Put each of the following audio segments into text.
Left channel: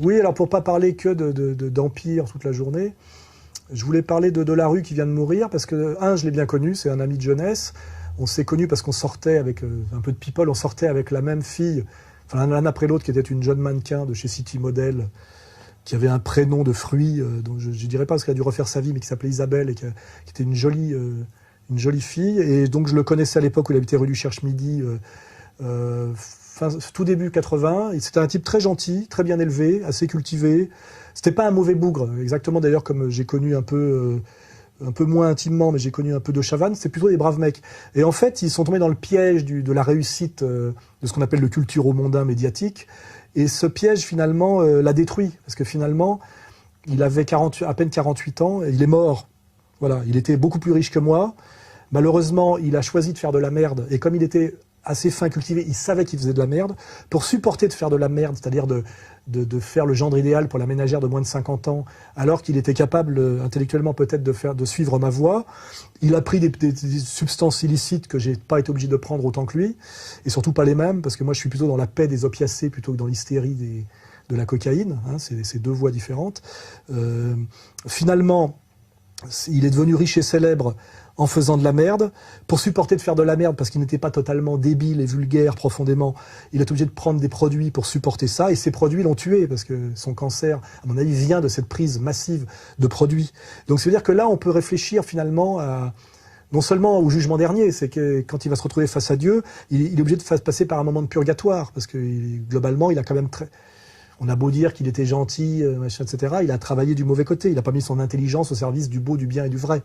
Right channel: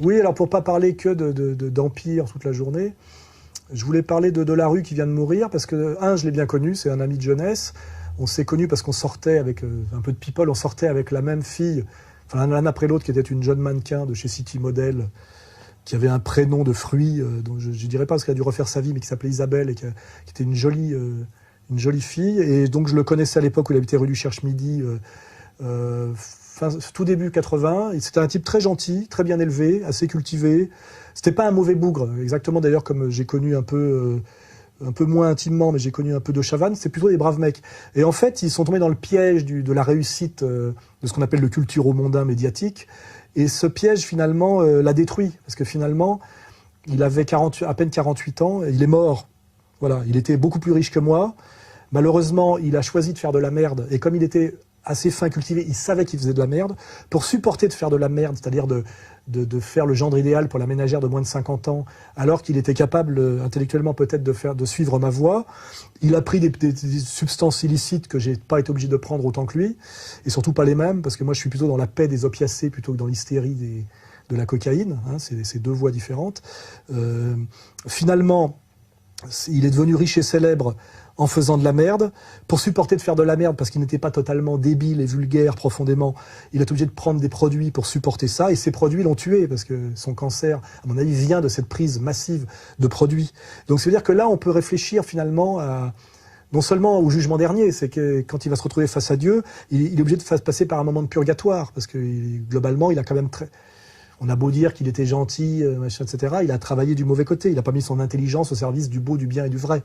Oui, alors pour pas parler que d'Empire toute la journée, je voulais parler de Delarue qui vient de mourir, parce que, je l'ai bien connu, c'est un ami de jeunesse. On s'est connus parce qu'on sortait avec un peu de people, on sortait avec la même fille, enfin l'un après l'autre, qui était une jeune mannequin de chez City Model, qui avait un prénom de fruit, dont je ne dirais pas parce qu'elle a dû refaire sa vie, mais qui s'appelait Isabelle, et qui était une jolie fille. Et donc je le connaissais à l'époque où il habitait rue du Cherche-Midi, tout début 80. C'était un type très gentil, très bien élevé, assez cultivé. C'était pas un mauvais bougre, exactement d'ailleurs comme j'ai connu un peu moins intimement, mais j'ai connu un peu de Chavannes, c'est plutôt des braves mecs. Et en fait, ils sont tombés dans le piège de la réussite de ce qu'on appelle le culturo-mondain médiatique. Et ce piège, finalement, l'a détruit. Parce que finalement, il avait à peine 48 ans, et il est mort. Voilà, il était beaucoup plus riche que moi. Malheureusement, il a choisi de faire de la merde. Et comme il était assez fin, cultivé, il savait qu'il faisait de la merde. Pour supporter de faire de la merde, c'est-à-dire de faire le gendre idéal pour la ménagère de moins de 50 ans, alors qu'il était capable intellectuellement peut-être de suivre ma voie, il a pris des substances illicites que j'ai pas été obligé de prendre autant que lui, et surtout pas les mêmes, parce que moi je suis plutôt dans la paix des opiacés plutôt que dans l'hystérie de la cocaïne, hein, c'est deux voies différentes. Finalement, il est devenu riche et célèbre en faisant de la merde. Pour supporter de faire de la merde, parce qu'il n'était pas totalement débile et vulgaire profondément, il est obligé de prendre des produits pour supporter ça, et ces produits l'ont tué, parce que son cancer, à mon avis, vient de cette prise massive de produits. Donc ça veut dire que là, on peut réfléchir finalement non seulement au jugement dernier, c'est que quand il va se retrouver face à Dieu, il est obligé de passer par un moment de purgatoire, parce que globalement, il a quand même on a beau dire qu'il était gentil, machin, etc., il a travaillé du mauvais côté, il n'a pas mis son intelligence au service du beau, du bien et du vrai.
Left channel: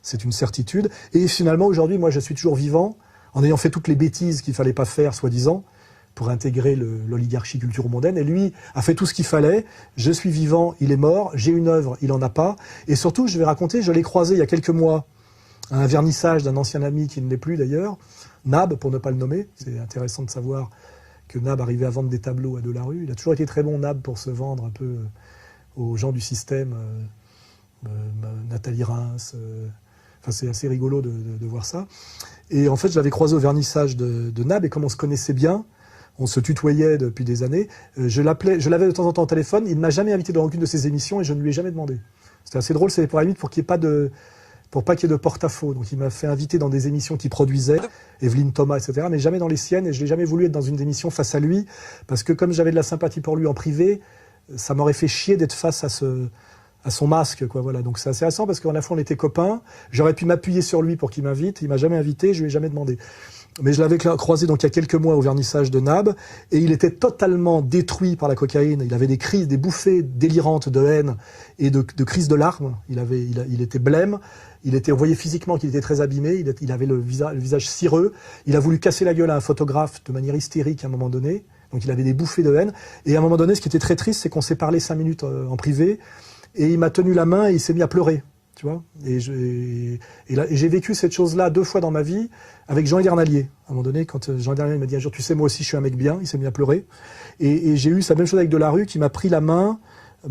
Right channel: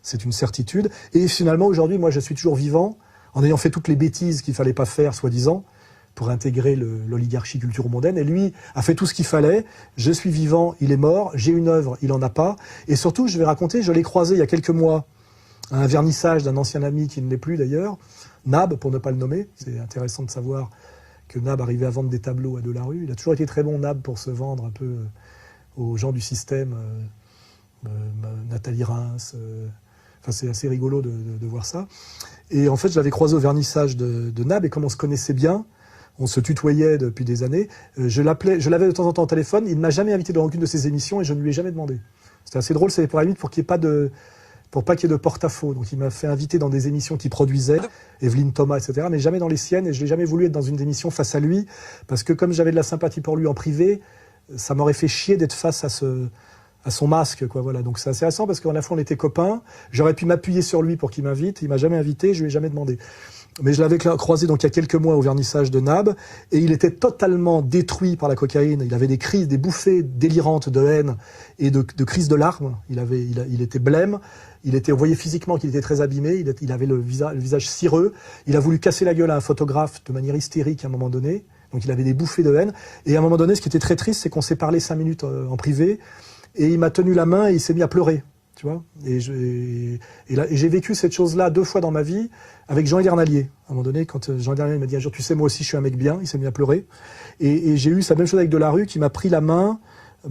C'est une certitude. Et finalement, aujourd'hui, moi, je suis toujours vivant, en ayant fait toutes les bêtises qu'il ne fallait pas faire, soi-disant, pour intégrer l'oligarchie culturo-mondaine. Et lui a fait tout ce qu'il fallait. Je suis vivant, il est mort. J'ai une œuvre, il n'en a pas. Et surtout, je vais raconter, je l'ai croisé il y a quelques mois à un vernissage d'un ancien ami qui ne l'est plus d'ailleurs, Nab, pour ne pas le nommer. C'est intéressant de savoir que Nab arrivait à vendre des tableaux à Delarue. Il a toujours été très bon, Nab, pour se vendre un peu aux gens du système. Nathalie Reims... Enfin, c'est assez rigolo de voir ça. Et en fait, je l'avais croisé au vernissage de Nab, et comme on se connaissait bien, on se tutoyait depuis des années, je l'avais de temps en temps au téléphone, il ne m'a jamais invité dans aucune de ses émissions, et je ne lui ai jamais demandé. C'était assez drôle, c'est pour la limite pour qu'il n'y ait pas qu'il y ait de porte-à-faux. Donc il m'a fait inviter dans des émissions qu'il produisait, Evelyne Thomas, etc., mais jamais dans les siennes, et je n'ai jamais voulu être dans une émission face à lui, parce que comme j'avais de la sympathie pour lui en privé, ça m'aurait fait chier d'être face à son masque, quoi, voilà. Donc c'est assez intéressant parce qu'à la fois on était copains, j'aurais pu m'appuyer sur lui pour qu'il m'invite, il m'a jamais invité, je lui ai jamais demandé. Mais je l'avais croisé donc il y a quelques mois au vernissage de Nab, et il était totalement détruit par la cocaïne, il avait des crises, des bouffées délirantes de haine et de crises de larmes, il était blême, on voyait physiquement qu'il était très abîmé, il avait le visage cireux, il a voulu casser la gueule à un photographe de manière hystérique à un moment donné, donc il avait des bouffées de haine, et à un moment donné, ce qui était très triste, c'est qu'on s'est parlé 5 minutes en privé, et il m'a tenu la main et il s'est mis à pleurer, tu vois. Et j'ai vécu cette chose-là 2 fois dans ma vie avec Jean Edernalier. À un moment donné, quand Jean Edernalier m'a dit un jour, tu sais, moi aussi, je suis un mec bien, il s'est mis à pleurer. Et j'ai eu sa même chose avec Delarue, qui m'a pris la main,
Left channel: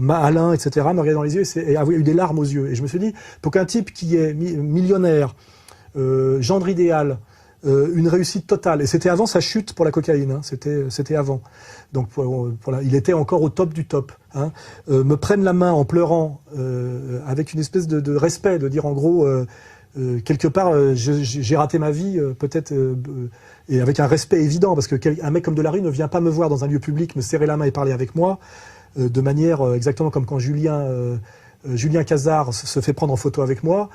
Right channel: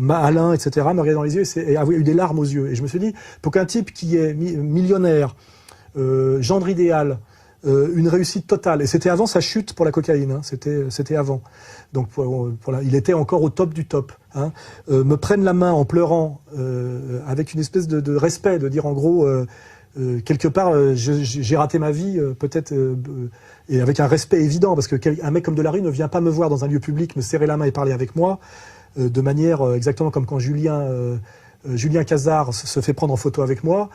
Alain, etc., me regardait dans les yeux et avait eu des larmes aux yeux. Et je me suis dit, pour qu'un type qui est millionnaire, gendre idéal, une réussite totale, et c'était avant sa chute pour la cocaïne, hein, c'était avant. Donc il était encore au top du top. Hein, me prennent la main en pleurant, avec une espèce de respect, de dire en gros, quelque part, j'ai raté ma vie, peut-être, et avec un respect évident, parce qu'un mec comme Delarue ne vient pas me voir dans un lieu public, me serrer la main et parler avec moi, de manière exactement comme quand Julien Cazard se fait prendre en photo avec moi.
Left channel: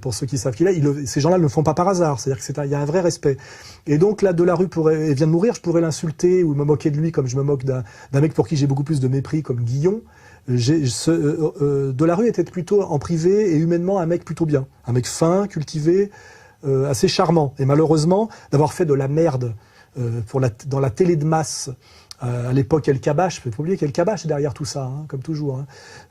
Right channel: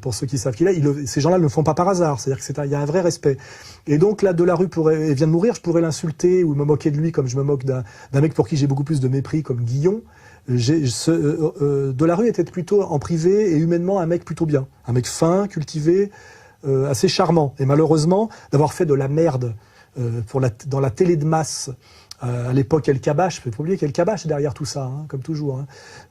Pour ceux qui savent qui il est, ces gens-là ne le font pas par hasard, c'est-à-dire qu'il y a un vrai respect. Et donc là, Delarue vient de mourir, je pourrais l'insulter ou me moquer de lui comme je me moque d'un mec pour qui j'ai beaucoup plus de mépris, comme Guillon. Delarue était plutôt en privé et humainement un mec plutôt bien, un mec fin, cultivé, assez charmant. Et malheureusement, d'avoir fait de la merde dans la télé de masse, à l'époque, El Kabbach, il faut pas oublier qu'El Kabbach est derrière tout ça, hein, comme toujours. Hein.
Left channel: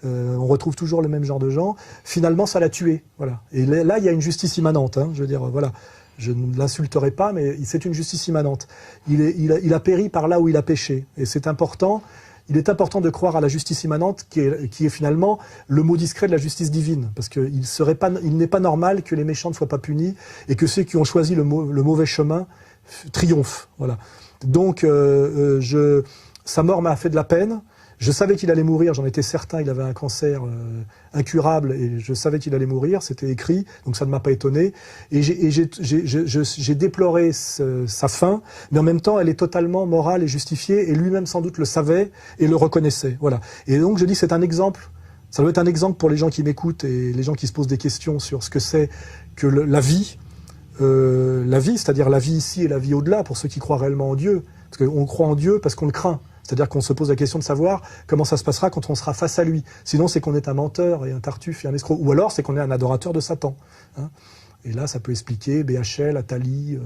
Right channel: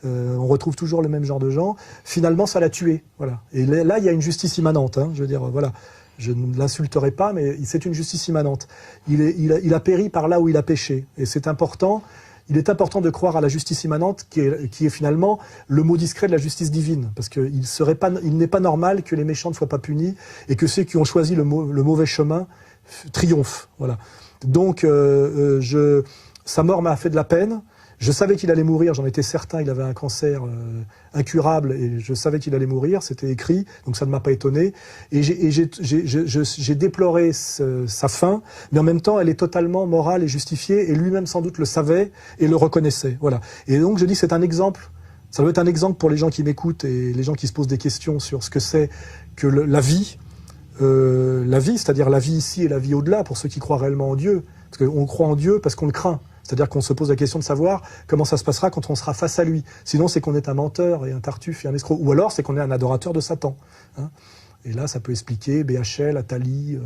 On retrouve toujours le même genre de gens. Finalement, ça l'a tué. Voilà. Et là, il y a une justice immanente. Hein, je veux dire, voilà. Je ne l'insulterai pas, mais c'est une justice immanente. Il a péri par là où il a péché. Et c'est important. Il est important de croire à la justice immanente, qui est finalement le mot discret de la justice divine. Parce qu'il n'est pas normal que les méchants ne soient pas punis et que ceux qui ont choisi le mauvais chemin triomphent. Voilà. Donc, sa mort m'a fait de la peine. Je savais qu'il allait mourir, j'en étais certain, il avait un cancer incurable et je savais qu'il allait mourir, c'était écrit, donc ça ne m'a pas étonné. Et j'ai déploré sa fin, mais en même temps, elle est totalement morale et justifiée, et lui-même sans doute le savait et le reconnaissait. Voilà. Et donc je dis, c'est un exemple, ça doit être un exemple pour les gens qui m'écoutent et les gens qui se posent des questions sur ce que c'est que la vie, c'est-à-dire la vie ici et la vie au-delà, pour ceux qui croient réellement en Dieu. Parce qu'on croit en Dieu parce qu'on le craint. C'est-à-dire qu'on se pose la question de savoir comment ça se passera quand on sera face à lui. Sinon, c'est qu'on est un menteur et un tartuffe et un escroc. Ou alors, c'est qu'on est un adorateur de Satan. Hein. Et là, ça peut expliquer BHL, Attali,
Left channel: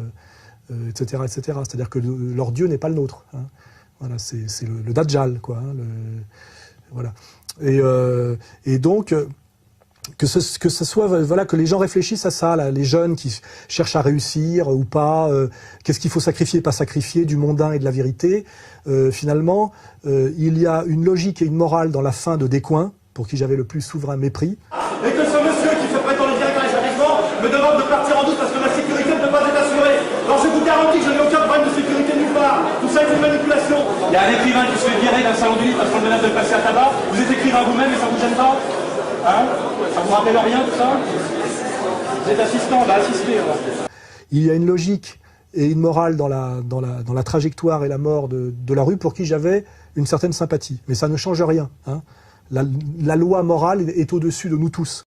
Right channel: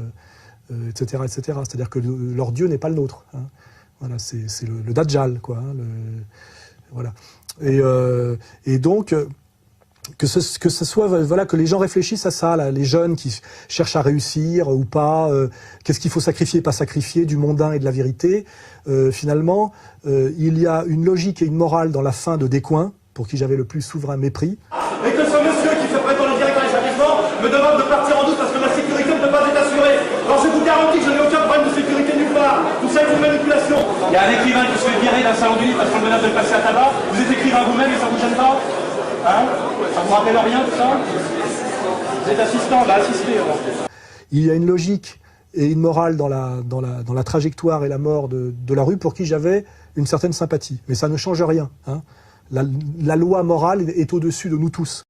etc., etc. C'est-à-dire que leur Dieu n'est pas le nôtre. Hein. Voilà, c'est le Dajjal, quoi. Hein, voilà. Et donc... que ce soit, voilà, que les gens réfléchissent à ça, là, les jeunes qui cherchent à réussir ou pas, qu'est-ce qu'il faut sacrifier, pas sacrifier, du mondain et de la vérité. Finalement, il y a une logique et une morale dans la fin de Descoings, pour qui j'avais le plus souverain mépris. Et que ce monsieur qui se prétend le directeur des établissements me demande de partir en doute parce que ma sécurité ne peut pas être assurée. Alors je vous garantis que je n'ai aucun problème de sécurité nulle part. Tout ça est une manipulation. Il y a un écrivain qui se fait virer d'un salon du livre parce qu'on le menace de passer à tabac. Vous êtes écrivain vous-même et ça vous gêne pas? Hein? Ça vous rappelle rien tout ça? Vous êtes assistant, bah assistez. Il y a une logique et une morale dans la trajectoire et la mort de la rue pour qui j'avais une certaine sympathie. Mais ça ne change rien. Hein. La loi morale est au-dessus de nous tous.